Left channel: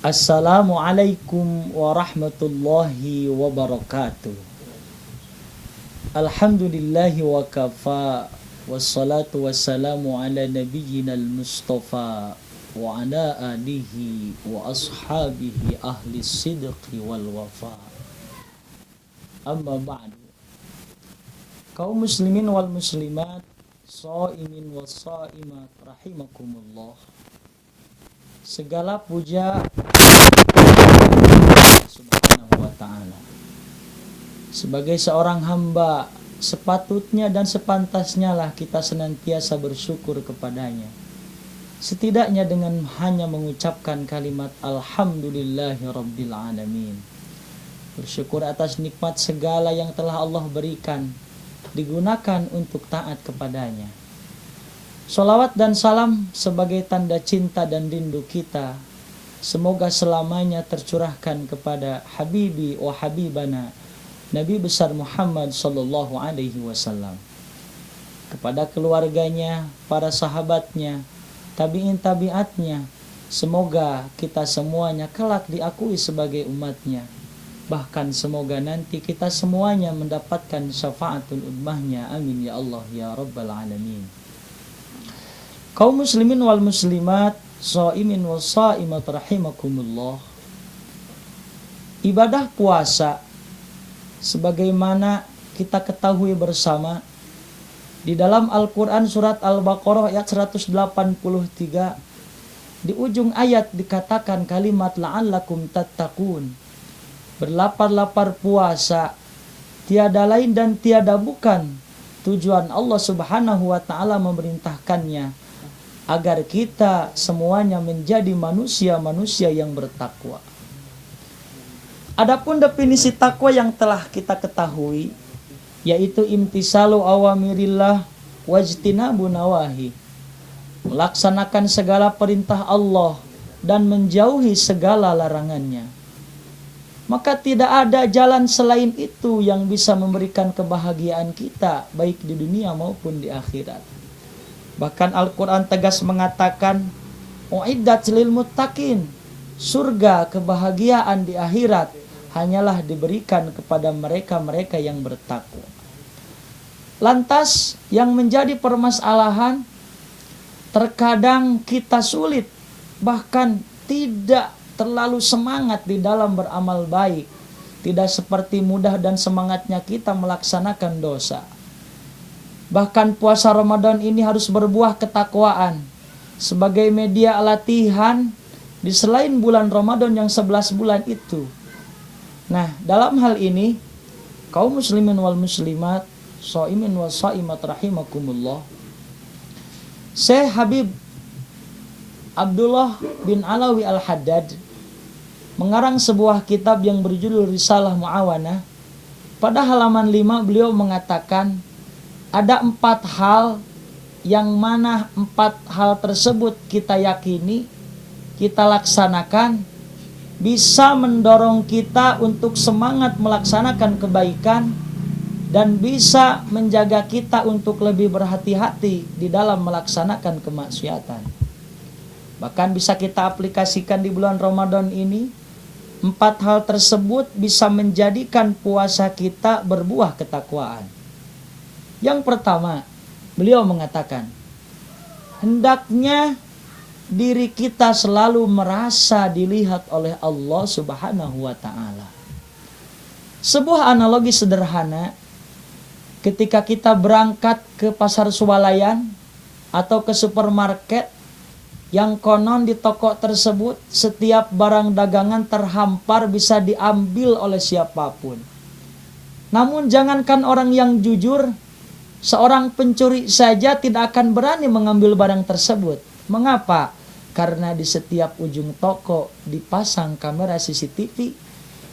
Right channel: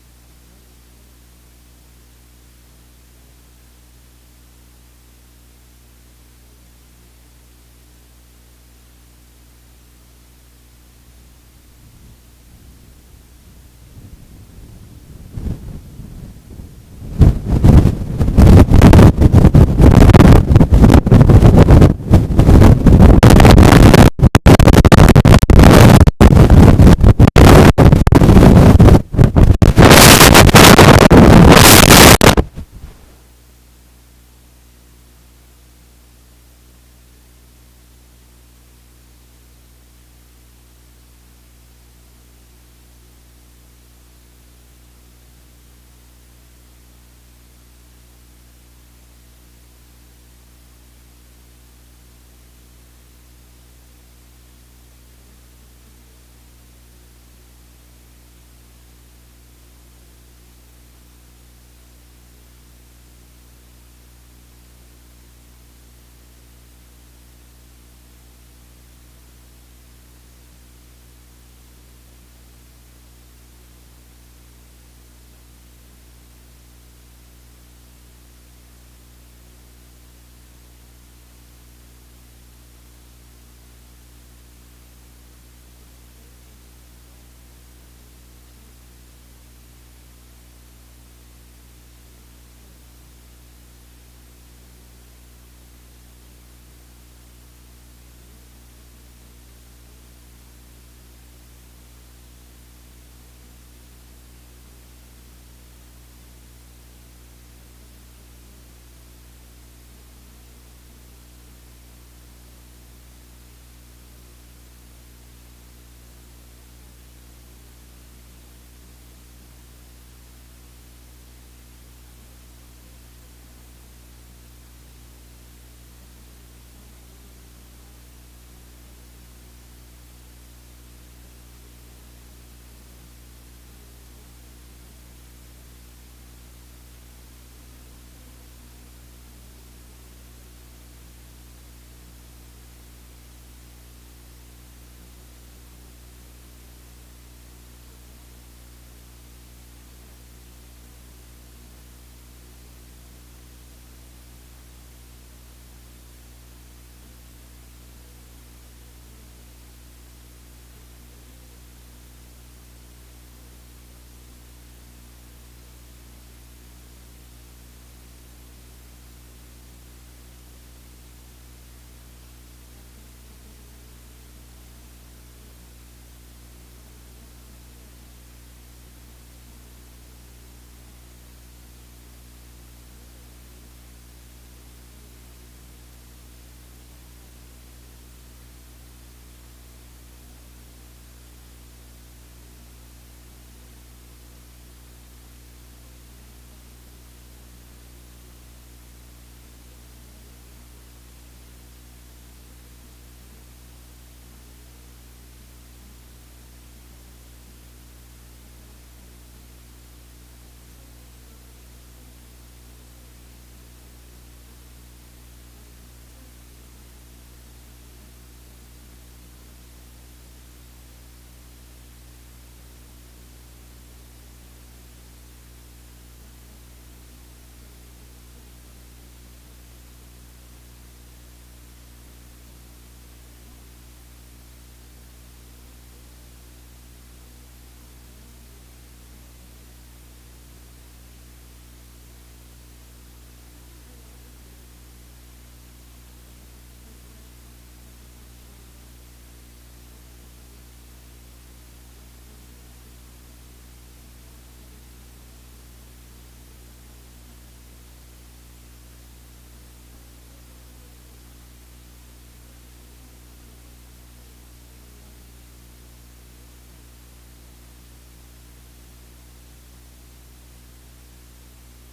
Assalamualaikum warahmatullahi wabarakatuh. Alhamdulillahi wa kafa. Wassalatu wassalamu ala nabiyyina al-mustafa wa ala alihi wa ashabihi ahli sidqi wal wafa. Muslimin wal muslimat, sebagai seorang hamba, sepatutnya dan sepantasnya lah kita senantiasa bersyukur kepadanya. Setidaknya dengan hanya mengucapkan kalimat Alhamdulillahi Rabbil Alamin. Bersyukur atas nikmat segala yang telah Allah berikan, digunakan untuk taat kepadanya. Salawat dan salam sebagai tanda cinta dan rindu kita, semoga selamanya tercurahkan kepada Habibi wa Habibana Nabi besar Muhammad sallallahu alaihi wasallam, kepada keluarganya, para sahabatnya, tabi'in tabi'atnya. Semoga kita semuanya kelak diakui sebagai umatnya. Bahkan semoga nanti kita semuanya mendapatkan syafaatul ummahnya. Amin ya Allah ya Rabbal Alamin. Kaum muslimin wal muslimat, shaimin wal shaimat rahimakumullah. Ibadah puasa sebagaimana kita ketahui bersama, di dalam Al-Quran surat Al-Baqarah ayat 183, di ujung ayat dikatakan kalimat la'allakum tattaqun, berlapar-lapar puasa, tiada lain dan tiada bukan tujuan Allah subhanahu wa ta'ala memerintahkannya agar kita semuanya menjadi manusia-manusia yang bertakwa. Adapun definisi takwa yang telah kita ketahui, yaitu imtisalu awamirillah wajtinabu nawahi, melaksanakan segala perintah Allah dan menjauhi segala larangannya. Maka tidak ada jalan selain itu yang bisa memberikan kebahagiaan kita, baik di dunia maupun di akhirat. Bahkan Al-Quran tegas mengatakan, uiddat lil muttaqin, surga kebahagiaan di akhirat hanyalah diberikan kepada mereka-mereka yang bertakwa. Lantas yang menjadi permasalahan, terkadang kita sulit, bahkan tidak terlalu semangat di dalam beramal baik. Tidak seperti mudah dan semangatnya kita melaksanakan dosa. Bahkan puasa Ramadan ini harus berbuah ketakwaan sebagai media latihan di selain bulan Ramadan yang 11 bulan itu. Nah, dalam hal ini, kaum muslimin wal muslimat, shaimin wal shaimat rahimakumullah, Syekh Habib Abdullah bin Alawi Al-Haddad mengarang sebuah kitab yang berjudul Risalah Mu'awanah. Pada halaman 5 beliau mengatakan, ada 4 hal yang mana 4 hal tersebut kita yakini, kita laksanakan, bisa mendorong kita untuk semangat melaksanakan kebaikan dan bisa menjaga kita untuk lebih berhati-hati di dalam melaksanakan kemaksiatan. Bahkan bisa kita aplikasikan di bulan Ramadan ini. 4 hal tersebut bisa menjadikan puasa kita berbuah ketakwaan. Yang pertama, beliau mengatakan, hendaknya diri kita selalu merasa dilihat oleh Allah subhanahu wa ta'ala. Sebuah analogi sederhana, ketika kita berangkat ke pasar swalayan atau ke supermarket, yang konon di toko tersebut setiap barang dagangan terhampar bisa diambil oleh siapapun. Namun jangankan orang yang jujur, seorang pencuri saja tidak akan berani mengambil barang tersebut. Mengapa? Karena di setiap ujung toko dipasang kamera CCTV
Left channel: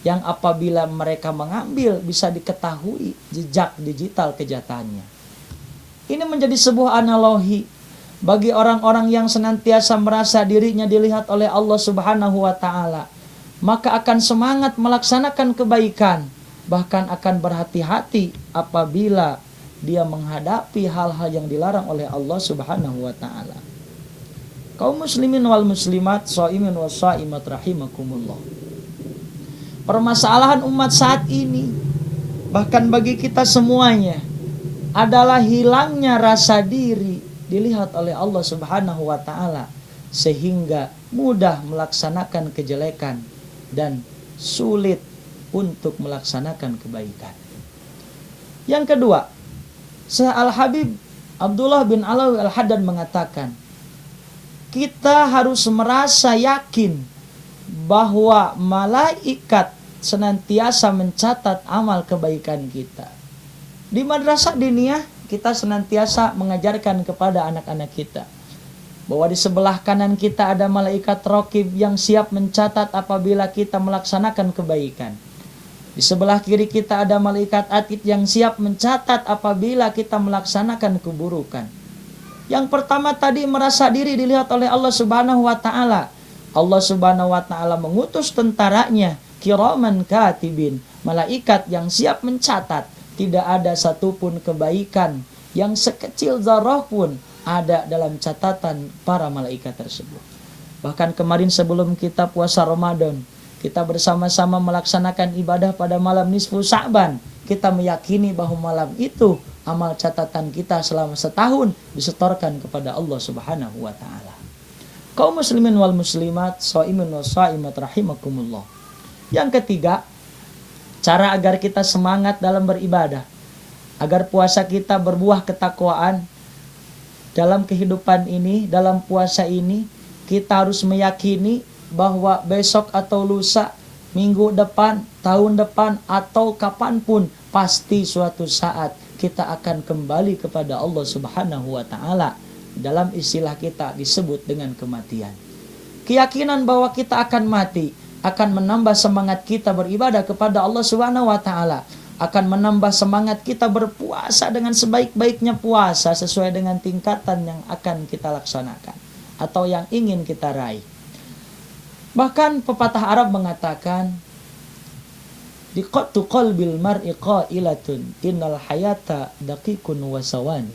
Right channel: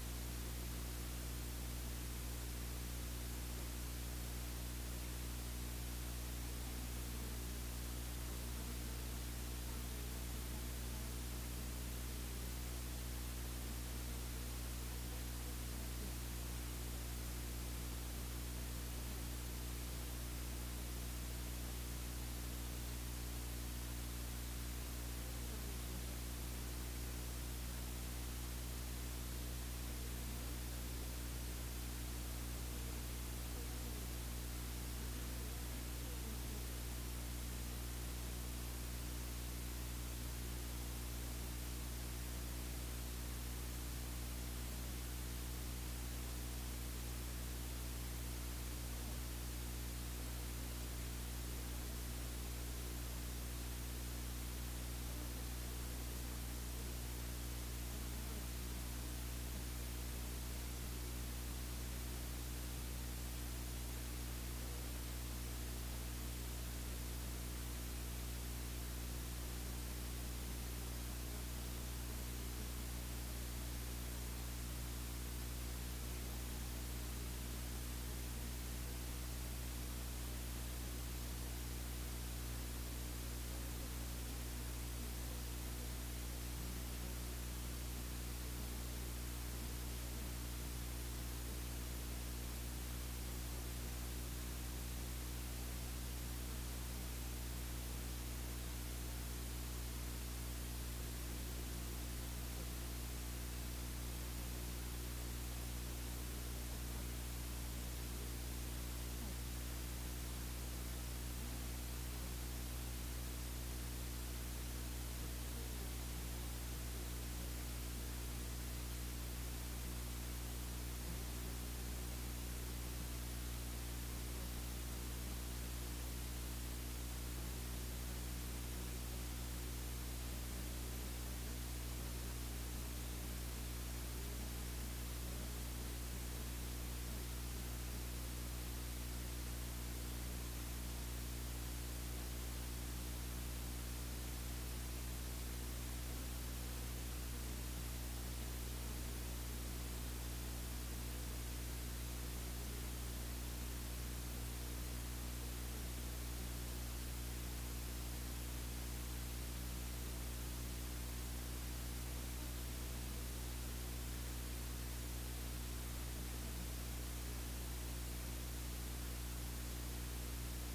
yang apabila mereka mengambil bisa diketahui jejak digital kejahatannya. Ini menjadi sebuah analogi bagi orang-orang yang senantiasa merasa dirinya dilihat oleh Allah Subhanahu wa taala. Maka akan semangat melaksanakan kebaikan, bahkan akan berhati-hati apabila dia menghadapi hal-hal yang dilarang oleh Allah Subhanahu wa taala. Kaum muslimin wal muslimat, shaimin wa shaimat rahimakumullah. Permasalahan umat saat ini, bahkan bagi kita semuanya, adalah hilangnya rasa diri dilihat oleh Allah Subhanahu wa taala, sehingga mudah melaksanakan kejelekan dan sulit untuk melaksanakan kebaikan. Yang kedua, Al-Habib Abdullah bin Alawi Al-Haddad mengatakan, kita harus merasa yakin bahwa malaikat senantiasa mencatat amal kebaikan kita. Di madrasah diniyah kita senantiasa mengajarkan kepada anak-anak kita bahwa di sebelah kanan kita ada malaikat raqib yang siap mencatat apabila kita melaksanakan kebaikan. Di sebelah kiri kita ada malaikat atid yang siap mencatat apabila kita melaksanakan keburukan. Yang pertama tadi, merasa diri dilihat oleh Allah Subhanahu wa taala. Allah Subhanahu wa taala mengutus tentaranya, kiraman katibin, malaikat yang siap mencatat. Tidak ada satupun kebaikan yang sekecil zarah pun ada dalam catatan para malaikat tersebut. Bahkan kemarin sebelum kita puasa Ramadan, kita bersama-sama melaksanakan ibadah pada malam nisfu Sa'ban. Kita meyakini bahwa malam itu amal catatan kita selama setahun disetorkan kepada Allah Subhanahu wa taala. Kaum muslimin wal muslimat, shaimin wa shaimat rahimakumullah. Yang ketiga, cara agar kita semangat dalam beribadah, agar puasa kita berbuah ketakwaan dalam kehidupan ini, dalam puasa ini, kita harus meyakini bahwa besok atau lusa, minggu depan, tahun depan, atau kapanpun, pasti suatu saat kita akan kembali kepada Allah Subhanahu wa taala. Dalam istilah kita disebut dengan kematian. Keyakinan bahwa kita akan mati akan menambah semangat kita beribadah kepada Allah Subhanahu wa taala, akan menambah semangat kita berpuasa dengan sebaik-baiknya puasa sesuai dengan tingkatan yang akan kita laksanakan atau yang ingin kita raih. Bahkan pepatah Arab mengatakan, diqatu qalbil mar'i qailatun innal hayata daqiqun wa sawani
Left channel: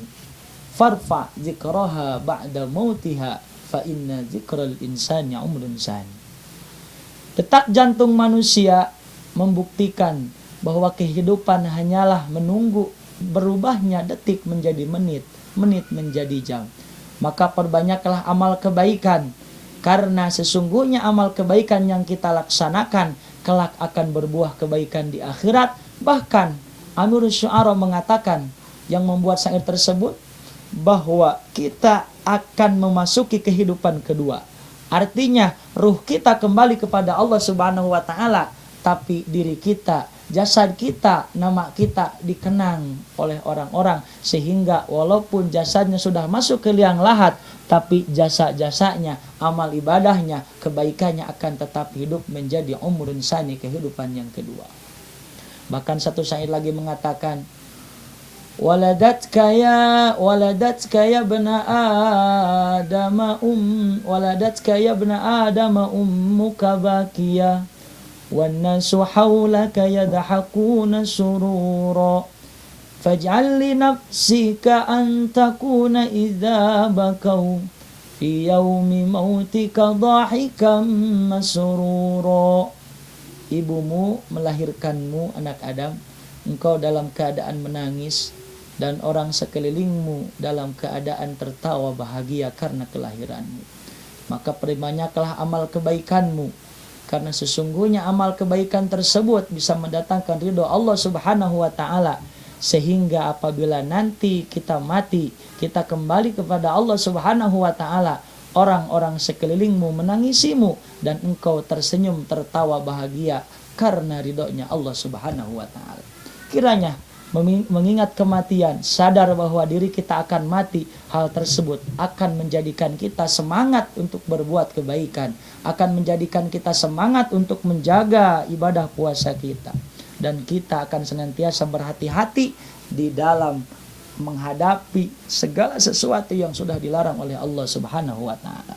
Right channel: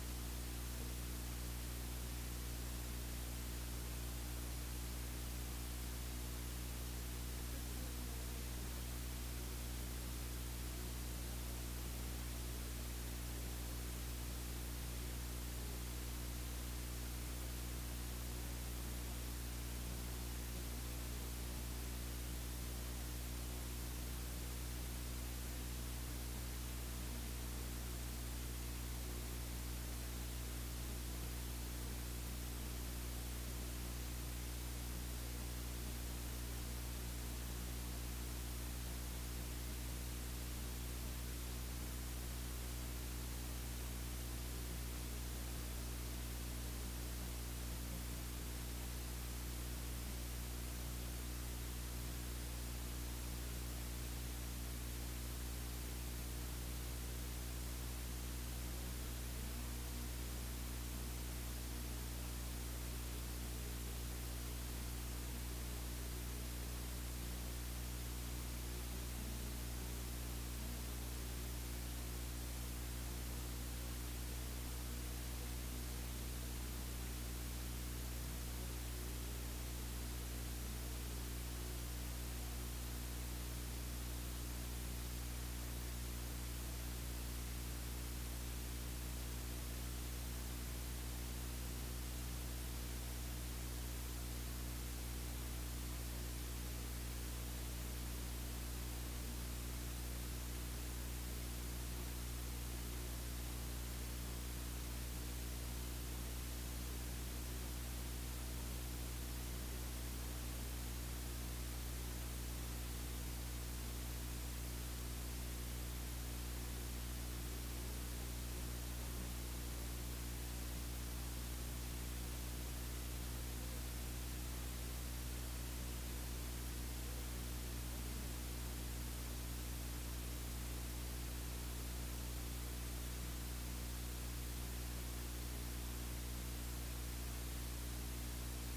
farfa zikraha ba'da mautiha fa inna zikral insani umrun sani. Detak jantung manusia membuktikan bahwa kehidupan hanyalah menunggu berubahnya detik menjadi menit, menit menjadi jam. Maka perbanyaklah amal kebaikan, karena sesungguhnya amal kebaikan yang kita laksanakan kelak akan berbuah kebaikan di akhirat. Bahkan Amirus Syu'ara mengatakan, yang membuat syair tersebut, bahwa kita akan memasuki kehidupan kedua. Artinya ruh kita kembali kepada Allah Subhanahu wa taala, tapi diri kita, jasad kita, nama kita dikenang oleh orang-orang, sehingga walaupun jasadnya sudah masuk ke liang lahat, tapi jasa-jasanya, amal ibadahnya, kebaikannya akan tetap hidup menjadi umrun sani, kehidupan yang kedua. Bahkan satu syair lagi mengatakan, waladatka ya bna adama ummuka bakiya wan nasu hawlaka yadhakuna surura faj'al li nafsika an takuna idza bakau fi yaumi mautika dhahikan masrura. Ibumu melahirkanmu, anak Adam, engkau dalam keadaan menangis, dan orang sekelilingmu dalam keadaan tertawa bahagia karena kelahiranmu. Maka perbanyaklah amal kebaikanmu, karena sesungguhnya amal kebaikan tersebut bisa mendatangkan ridho Allah Subhanahu wa taala, sehingga apabila nanti kita mati, kita kembali kepada Allah Subhanahu wa taala, orang-orang sekelilingmu menangisimu dan engkau tersenyum tertawa bahagia karena ridhonya Allah Subhanahu wa taala. Kiranya mengingat kematian, sadar bahwa diri kita akan mati, hal tersebut akan menjadikan kita semangat untuk berbuat kebaikan, akan menjadikan kita semangat untuk menjaga ibadah puasa kita, dan kita akan senantiasa berhati-hati di dalam menghadapi segala sesuatu yang sudah dilarang oleh Allah Subhanahu wa taala.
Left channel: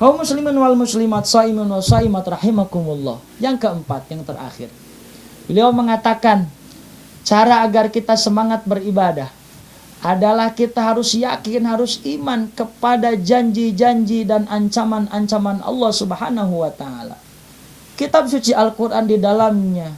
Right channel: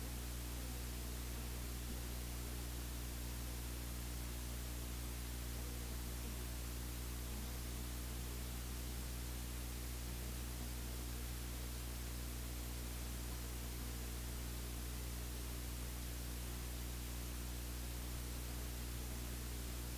Kaum muslimin wal muslimat, shaimin wa shaimat rahimakumullah. Yang keempat, yang terakhir, beliau mengatakan cara agar kita semangat beribadah, adalah kita harus yakin, harus iman kepada janji-janji dan ancaman-ancaman Allah Subhanahu wa taala. Kitab suci Al-Qur'an di dalamnya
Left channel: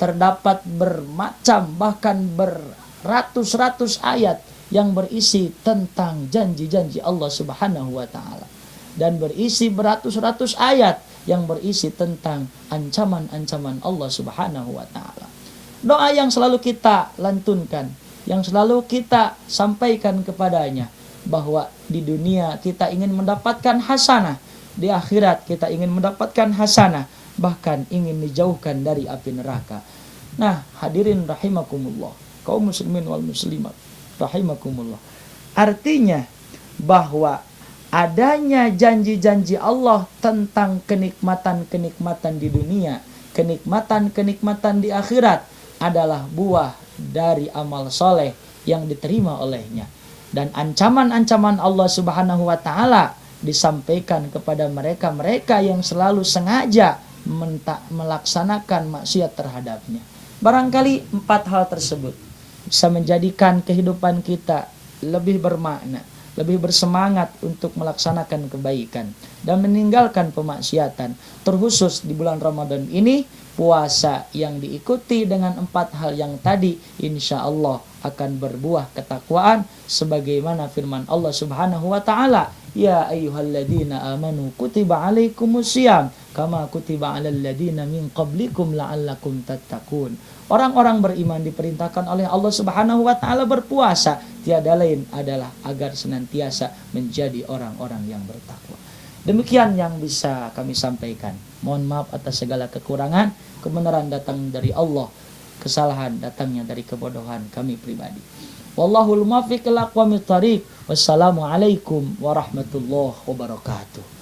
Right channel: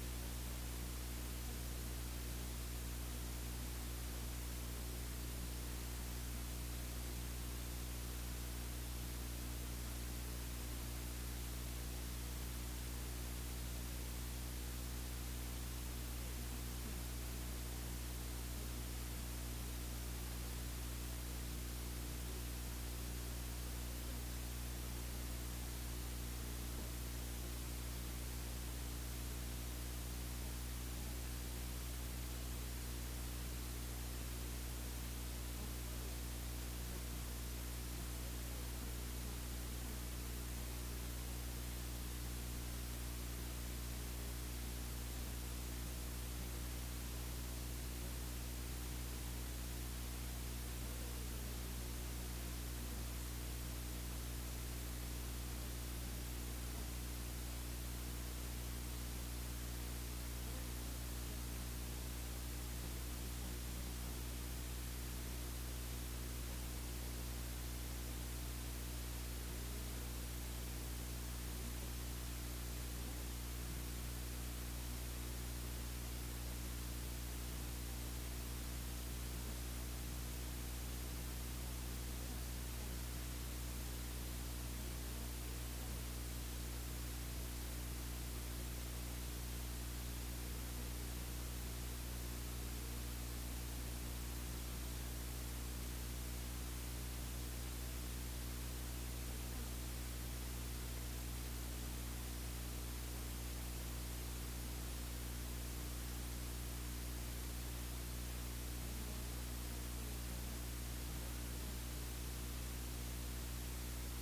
terdapat bermacam bahkan beratus-ratus ayat yang berisi tentang janji-janji Allah Subhanahu wa taala, dan berisi beratus-ratus ayat yang berisi tentang ancaman-ancaman Allah Subhanahu wa taala. Doa yang selalu kita lantunkan, yang selalu kita sampaikan kepadanya, bahwa di dunia kita ingin mendapatkan hasanah, di akhirat kita ingin mendapatkan hasanah, bahkan ingin dijauhkan dari api neraka. Nah, hadirin rahimakumullah, kaum muslimin wal muslimat rahimakumullah. Artinya bahwa adanya janji-janji Allah tentang kenikmatan-kenikmatan di dunia, kenikmatan-kenikmatan di akhirat adalah buah dari amal soleh yang diterima olehnya. Dan ancaman-ancaman Allah Subhanahu wa taala disampaikan kepada mereka-mereka yang selalu sengaja melaksanakan maksiat terhadapnya. Barangkali 4 hal tersebut bisa menjadikan kehidupan kita lebih bermakna, lebih bersemangat untuk melaksanakan kebaikan dan meninggalkan pemaksiatan. Terkhusus di bulan Ramadan ini, puasa yang diikuti dengan 4 hal yang tadi insya Allah akan berbuah ketakwaan, sebagaimana firman Allah Subhanahu wa taala, ya ayyuhalladzina amanu kutiba alaikumusiyam kama kutiba alal ladzina min qablikum la'allakum tattaqun. Orang-orang beriman diperintahkan oleh Allah Subhanahu wa taala berpuasa, tiada lain adalah agar senantiasa menjadi orang-orang yang bertakwa. Demikian yang bisa kami sampaikan. Mohon maaf atas segala kekurangan. Kebenaran datang dari Allah, kesalahan datangnya dari kebodohan kami pribadi. Wallahul muwaffiq ila aqwamit thariq. Wassalamualaikum warahmatullahi wabarakatuh.